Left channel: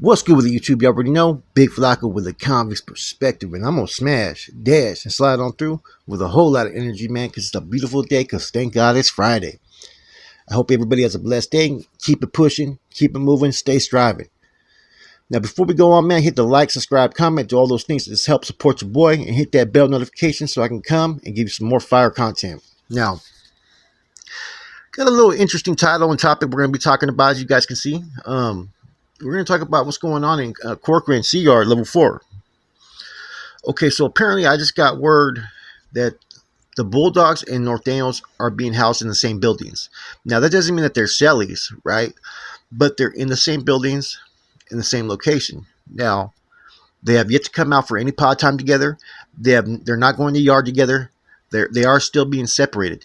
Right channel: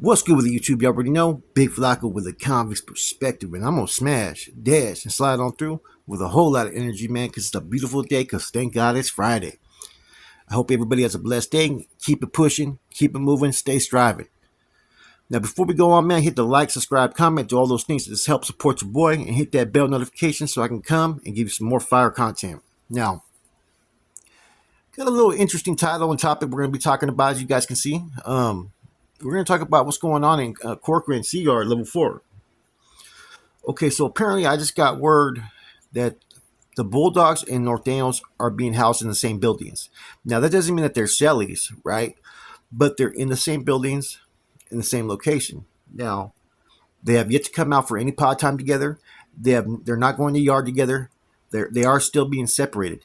What's good with the YouTube? You already know, Big Flacco with a convict's perspective, and I'm gonna smash, dash, and slide on through with a whole lot of energy, man, because it's a beautiful day, because thank God it's Friday. I hope everybody has a blessed day. Keep it pushing, keep it moving, stay striving. Now, before we go on, man, hit the like, subscribe, comment, do all those things to just help support your boy, and hit that bell notification so I can come and give you some more fire content. Now, got a little interesting title and topic we're going to be talking about, as you guys can see. We're going to talk about what's going on in Corcoran Cdcr level 4. Okay, so apparently I just got word that the Bulldogs and Nortenos are being housed in the same buildings. Now, that doesn't mean that they're Shellies, right? But they're in the same buildings, in the same location. Now, they have yet to come out for any pod time together. They're not going to yard together. They are still being separated.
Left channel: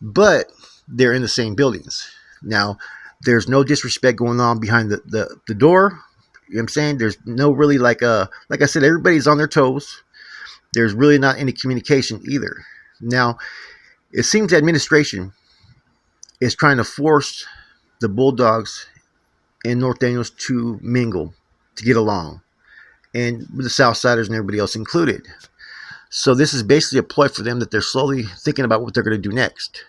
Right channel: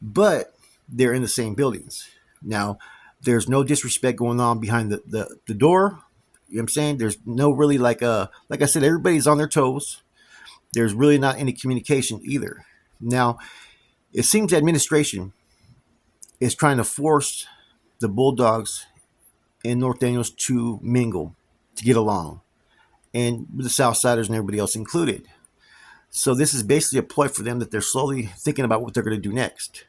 But they're in the same buildings. Now, there's no disrespect going on behind the door. You know what I'm saying? There's no really like I said, everybody's on their toes. There's really not any communication either. Now, it seems the administration is trying to force the Bulldogs and Nortenos to mingle, to get along, and with the Southsiders and everybody else included. So this is basically a ploy for them that they're slowly thinking about what they're going to do next.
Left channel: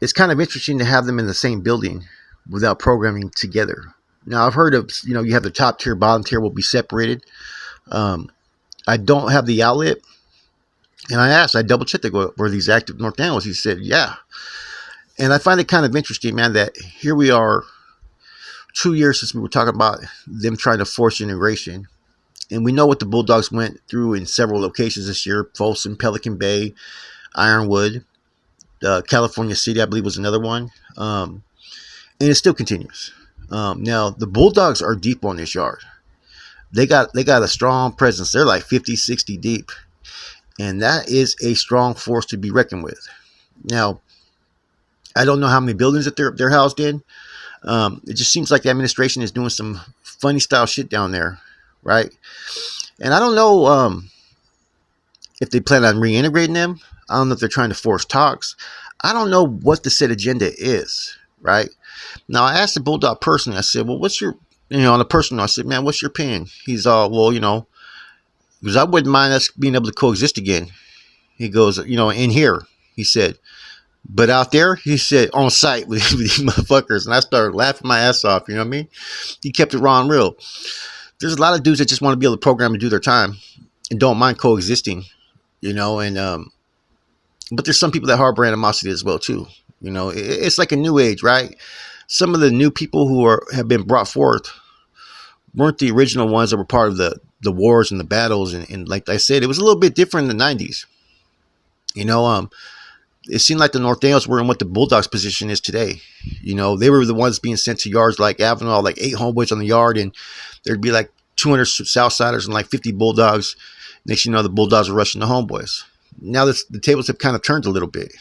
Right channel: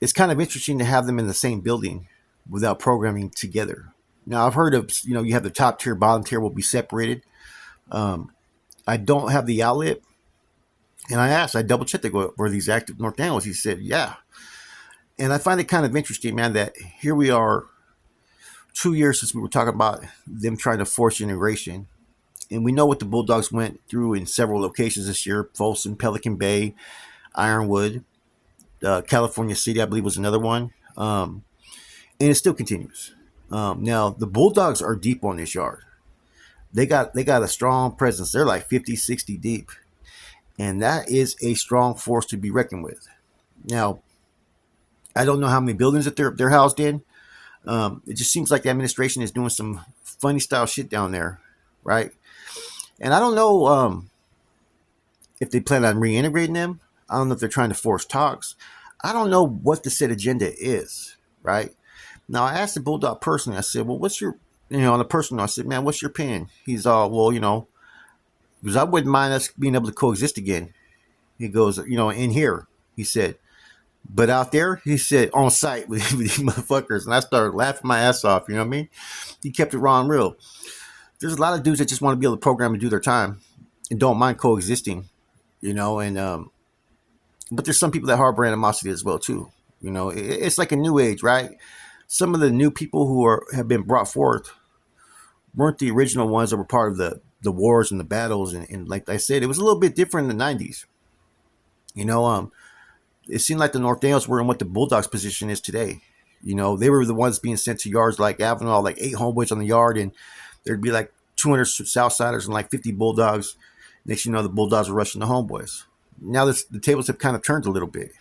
It's kind of interesting to have them in the same building without programming together. Now, I've heard of, you have the top tier, bottom tier will be separated. I don't have the outlet. And I double checked, were these active Nortenos? He said, yeah. And I find it kind of interesting, man, that here we are 2 years since we were talking about them trying to force integration. And we know what the Bulldogs went through in several locations this year: Folsom, Pelican Bay, Ironwood, California City, I believe, was another one. And it still continues. Now, the Bulldogs are deep on this yard. They got a strong presence. They're like 50, 60 deep. And that is a strong force to be reckoned with. Now, I don't know how many buildings that they're housed in. It just seems like the administration is doing some funny style shit down there, right? And I don't know if they plan on reintegrating them. I don't know if they're trying to force talks. I don't know what the said agenda is, right? Now, I asked the Bulldog person, I said, well, what's your, on a personal, I said, man, what's your opinion? He's all, well, because I wouldn't mind us being able to coexist again. He goes, in here, he said, but out there, he said, on site with these motherfuckers. And I started laughing my ass off, you know what I mean? He kept it raw and real. There's a lot of dudes that just want to be able to program and do their time and don't mind coexisting, but there's some people that harbor animosity as well, too. It's like a new age, right? Some of the new people who have been brought forth weren't the original ones that were part of the wars and the battles. And like I said, it was a little bit different in the 90s. It seemed like the Nortenos were in what the Bulldogs position is today. They were the ones being sent to yards like Avenal, like 8 homeboys on the yard, and there'd be like 200 Southsiders and like 50 Bulldogs. Next, the Bulldogs are rushing the homeboys. Now the tables have kind of turned a little bit,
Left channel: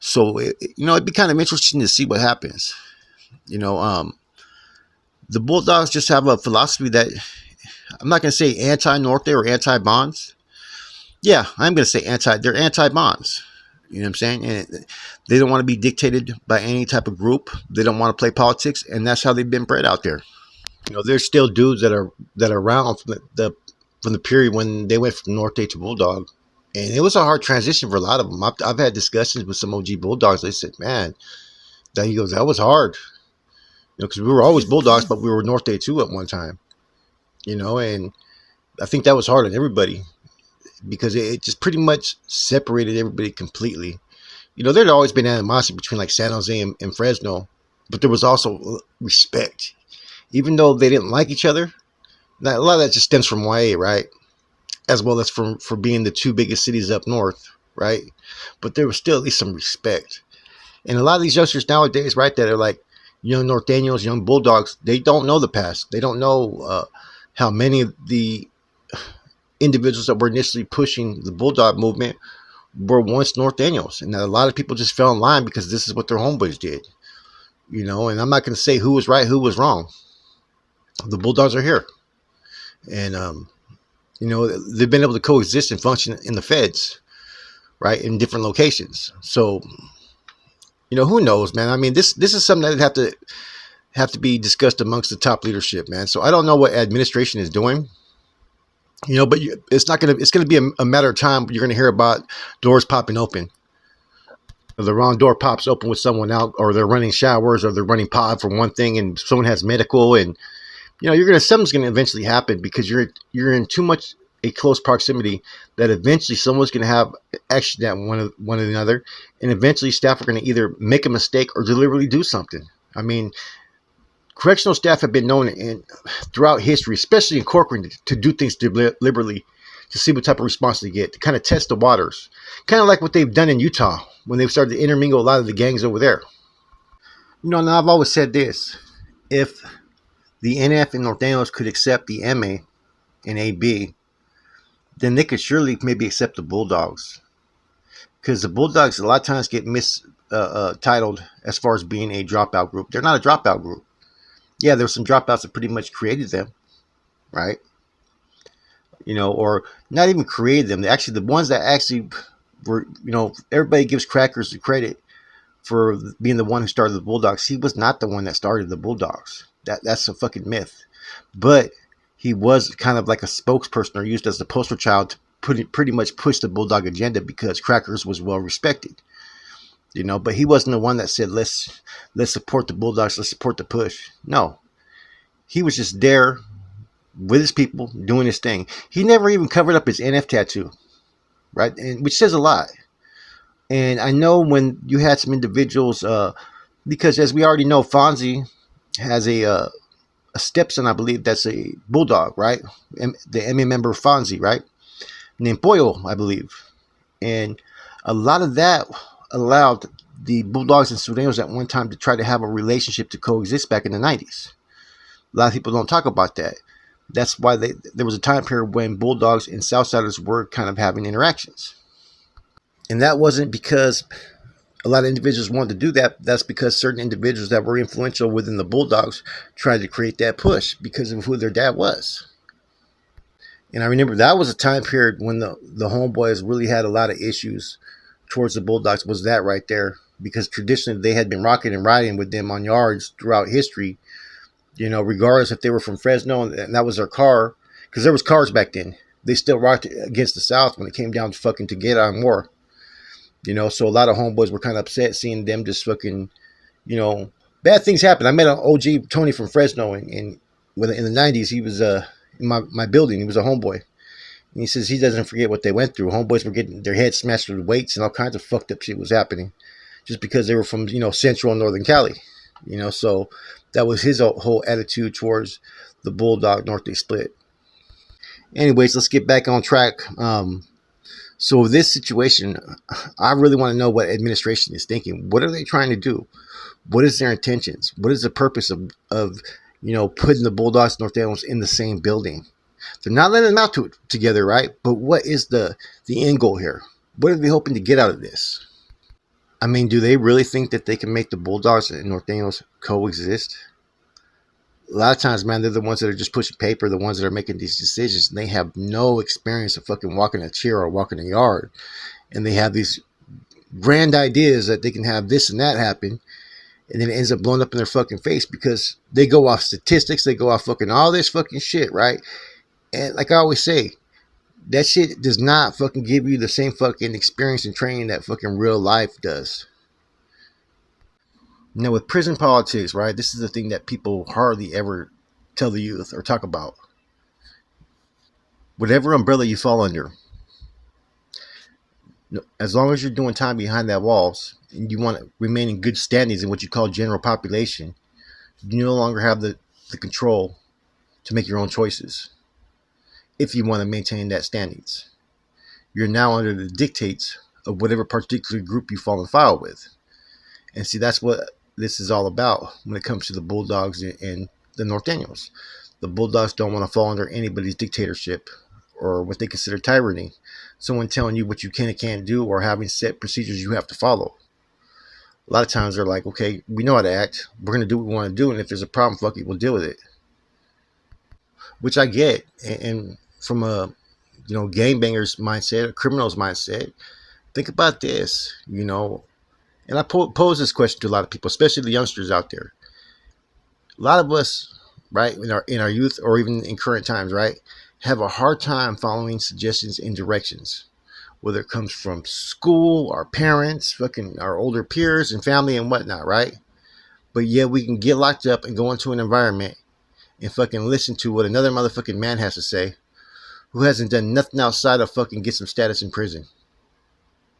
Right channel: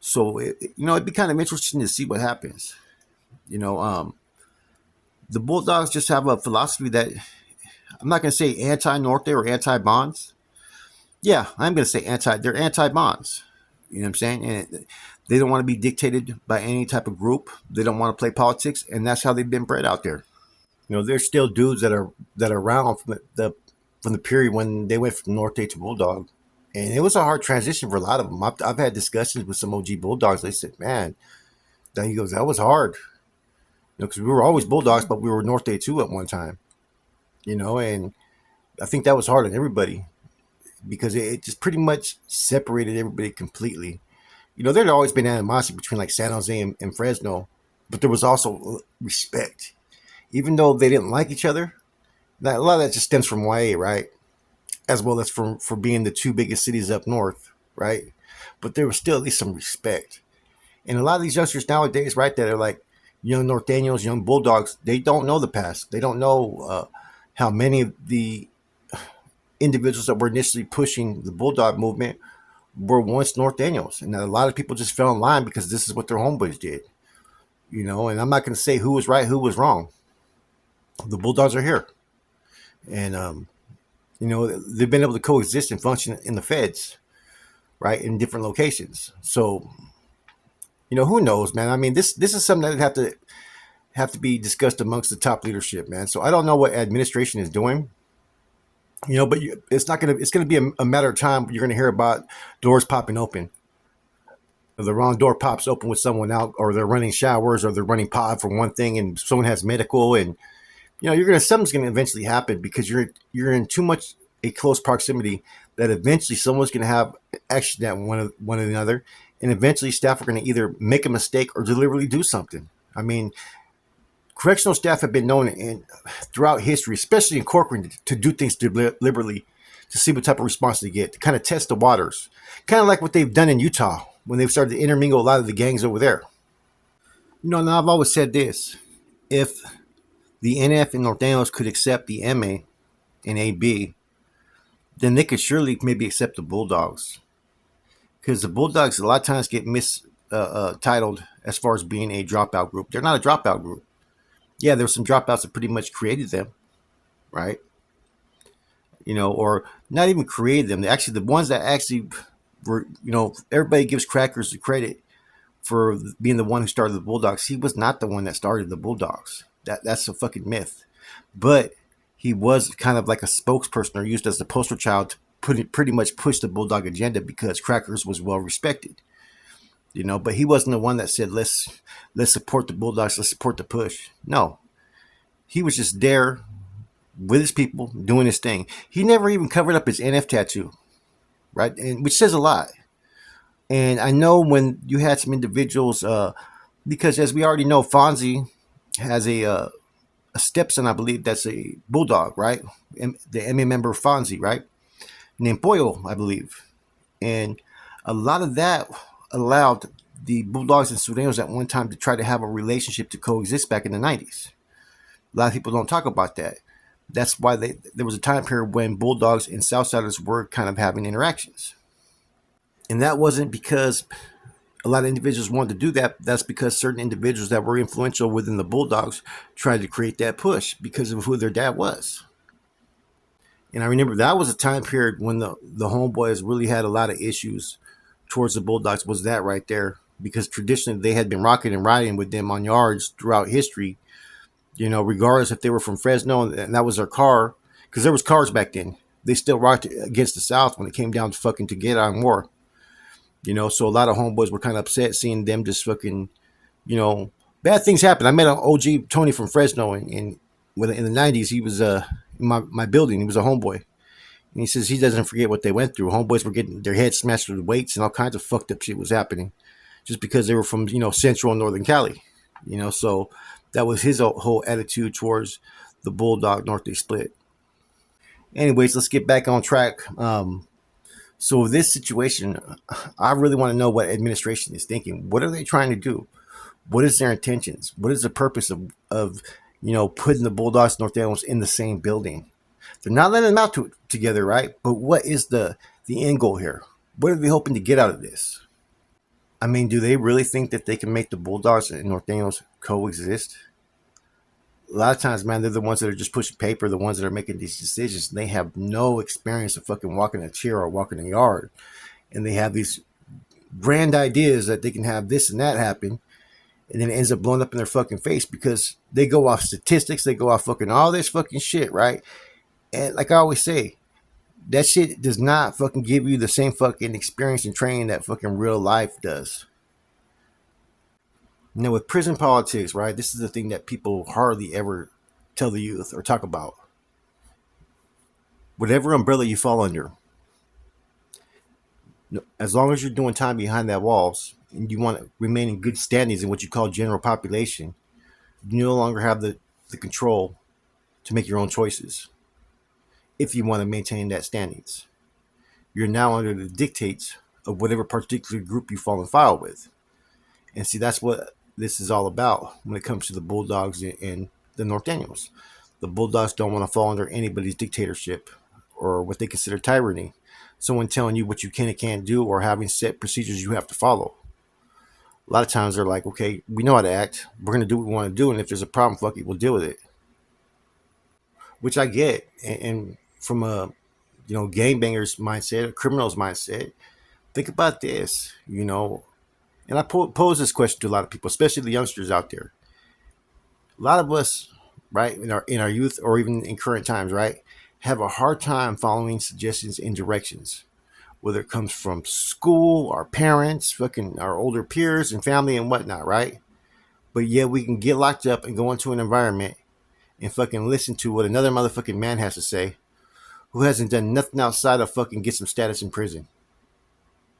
so it'd be kind of interesting to see what happens. The Bulldogs just have a philosophy that I'm not going to say anti-Norte or anti-bonds. Yeah, I'm going to say they're anti-bonds. You know what I'm saying? And they don't want to be dictated by any type of group. They don't want to play politics, and that's how they've been bred out there. There's still dudes that are around from the period when they went from Norte to Bulldog. And it was a hard transition for a lot of them. I've had discussions with some OG Bulldogs. They said, man, that was hard. Because we were always Bulldogs, but we were Norte too at one time. And I think that was hard on everybody because it just pretty much separated everybody completely. There'd always been animosity between like San Jose and Fresno, but there was also respect. Even though they didn't like each other, now, a lot of that just stems from YA, right? As well as for being the two biggest cities up north, right? But there was still at least some respect. And a lot of these youngsters nowadays, right, that are like young Norteños, young Bulldogs, they don't know the past. They don't know how many of the individuals that were initially pushing the Bulldog movement were once Norteños. And a lot of people just fell in line because this is what their homeboys did. And I'm not going to say who was right, who was wrong. The Bulldogs are here. And, they've been able to coexist and function in the feds, right, in different locations. So, who knows, man? I mean, this is something that have to have to be discussed amongst the top leadership, man. So I don't know what administration is doing, but it's not gonna. It's gonna be a matter of time. You're gonna hear about doors popping open. Or the wrong door pops open with someone out, or they're running showers, or they're running pod for one thing, and someone has medical, and something's gonna eventually happen because you're in too much a close proximity that eventually someone's gonna have action at one another, and eventually staff are gonna either make a mistake or deliberately do something. I mean, correctional staff have been known throughout history, especially in Corcoran, to do things deliberately to see what type of response they get, to kind of test the waters. Kind of like what they've done in Utah when they've started to intermingle a lot of the gangs over there. Now I've always said this. If the NF and Nortenos could accept the MA and AB, then they could surely maybe accept the Bulldogs. Because the Bulldogs a lot of times get titled as far as being a dropout group. They're not a dropout group. Yeah, there's some dropouts that pretty much created them, right? Or not even created them. Actually, the ones that actually were, everybody gives Crackers the credit for being the one who started the Bulldogs. He was not the one that started the Bulldogs. That's a fucking myth. But he was kind of like a spokesperson or used as the poster child to pretty much push the Bulldog agenda because Crackers was well respected. But he wasn't the one that said, let's support the Bulldogs, let's support the push. No. He was just there with his people doing his thing. He never even covered up his NF tattoo, right? And which says a lot. And I know when you had some individuals, because as we already know, Fonzie has a stepson, I believe, that's a Bulldog, right? The MA member Fonzie, right? Named Pollo, I believe. And a lot of that allowed the Bulldogs and Nortenos at one time to try to have a relationship to coexist back in the 90s. A lot of people don't talk about that. That's why there was a time period when Bulldogs and Southsiders were kind of having interactions. And that wasn't because a lot of individuals wanted to do that. That's because certain individuals that were influential within the Bulldogs tried to create that push because of who their dad was. And I remember that was a time period when the homeboys really had a lot of issues towards the Bulldogs, was that right there. Because traditionally they had been rocking and riding with them on yards throughout history, regardless if they were from Fresno and that was their car. Because there was cars back then. They still rocked against the South when it came down to fucking to get on war. So a lot of homeboys were kind of upset seeing them just fucking, bad things happen. I met an OG Tony from Fresno in the 90s. He was in my building. He was a homeboy. And he says he doesn't forget what they went through. Homeboys were getting their heads smashed with weights and all kinds of fucked up shit was happening just because they were from, Central and Northern Cali. So that was his whole attitude towards the Bulldog Norte split. Anyways, let's get back on track. So this situation, I really want to know what administration is thinking. What are they trying to do? What is their intentions? What is the purpose of putting the Bulldogs and Nortenos in the same building? They're not letting them out together, right? But what is the end goal here? What are they hoping to get out of this? I mean, do they really think that they can make the Bulldogs and Nortenos coexist? A lot of times, man, they're the ones that are just pushing paper, the ones that are making these decisions, and they have no experience of fucking walking a chair or walking a yard. And they have these grand ideas that they can have this and that happen, and then it ends up blowing up in their fucking face because they go off statistics, they go off fucking all this fucking shit, right? And like I always say, that shit does not fucking give you the same fucking experience and training that fucking real life does. With prison politics, right, this is the thing that people hardly ever tell the youth or talk about. Whatever umbrella you fall under, as long as you're doing time behind that walls and you want to remain in good standings in what you call general population, you no longer have the control to make your own choices. If you want to maintain that standings, you're now under the dictates of whatever particular group you fall in file with. And see, that's what this is all about when it comes to the Bulldogs and the Nortenos. The Bulldogs don't want to fall under anybody's dictatorship or what they consider tyranny. Someone telling you what you can and can't do or having set procedures you have to follow. A lot of times they're like, okay, we know how to act. We're going to do what we want to do. And if there's a problem, fuck it, we'll deal with it. Which I get. And from a, gangbanger's mindset, a criminal's mindset, think about this, and I pose this question to a lot of people, especially the youngsters out there. A lot of us, right, in our youth or even in current times, right, have a hard time following suggestions and directions, whether it comes from school, our parents, fucking our older peers and family and whatnot, right? But yet we can get locked up and go into an environment and fucking listen to what another motherfucking man has to say who hasn't done nothing outside of fucking get some status in prison.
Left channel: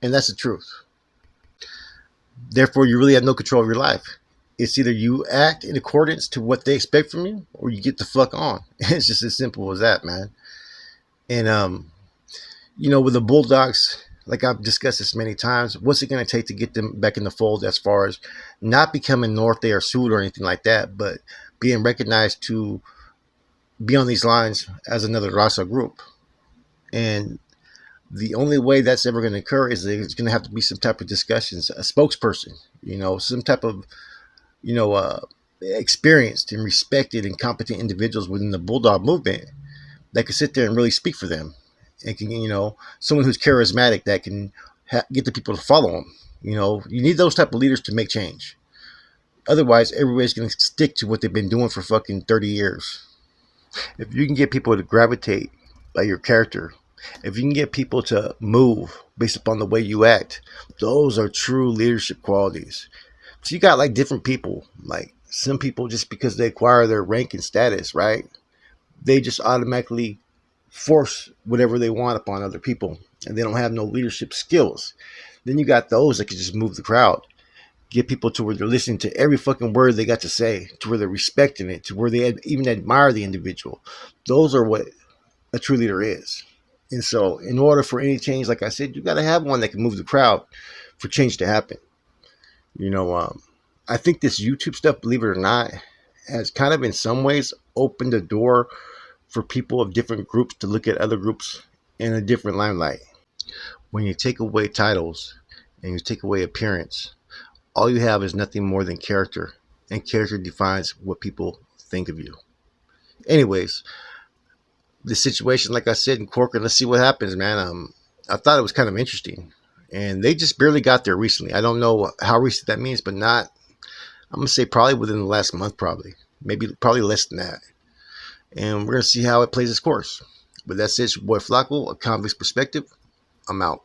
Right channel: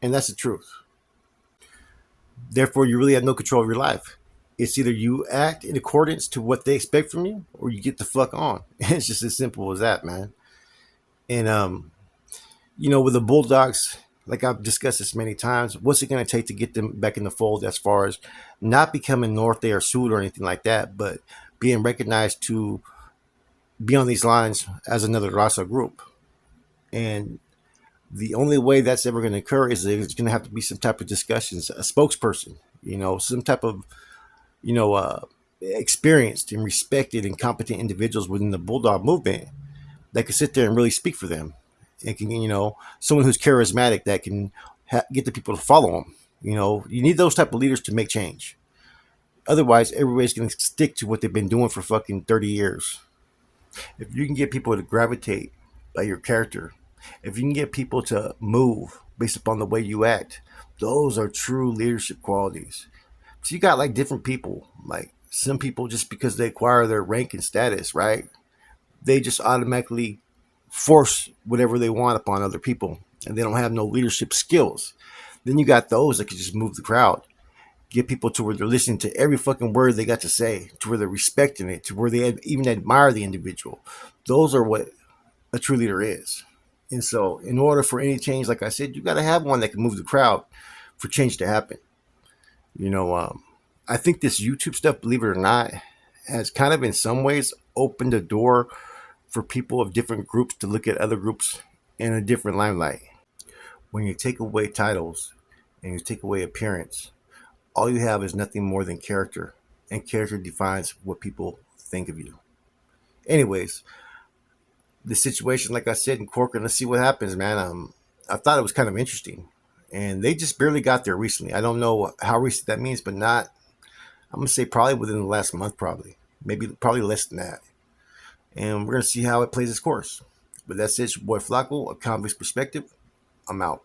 And that's the truth. Therefore, you really have no control of your life. It's either you act in accordance to what they expect from you or you get the fuck on. It's just as simple as that, man. And with the Bulldogs, like I've discussed this many times, what's it going to take to get them back in the fold as far as not becoming Norte or Sud or anything like that, but being recognized to be on these lines as another Raza group? And the only way that's ever going to occur is that it's going to have to be some type of discussions, a spokesperson, some type of, you know, uh, experienced and respected and competent individuals within the Bulldog movement that can sit there and really speak for them, and can, someone who's charismatic that can get the people to follow them. You need those type of leaders to make change. Otherwise, everybody's going to stick to what they've been doing for fucking 30 years. If you can get people to gravitate by your character, if you can get people to move based upon the way you act, those are true leadership qualities. So you got like different people, like some people just because they acquire their rank and status, right? They just automatically force whatever they want upon other people and they don't have no leadership skills. Then you got those that can just move the crowd, get people to where they're listening to every fucking word they got to say, to where they're respecting it, to where they even admire the individual. Those are what a true leader is. And so in order for any change, like I said, you got to have one that can move the crowd for change to happen. I think this YouTube stuff, believe it or not, has kind of in some ways opened the door for people of different groups to look at other groups in a different limelight. When you take away titles and you take away appearance, all you have is nothing more than character, and character defines what people think of you. Anyways, the situation, like I said, in Corcoran, let's see what happens, man. I thought it was kind of interesting, and they just barely got there recently. I don't know how recent that means, but not. I'm gonna say probably within the last month, probably less than that. And we're gonna see how it plays its course. But that's it, your boy Flacco, a convict's perspective. I'm out.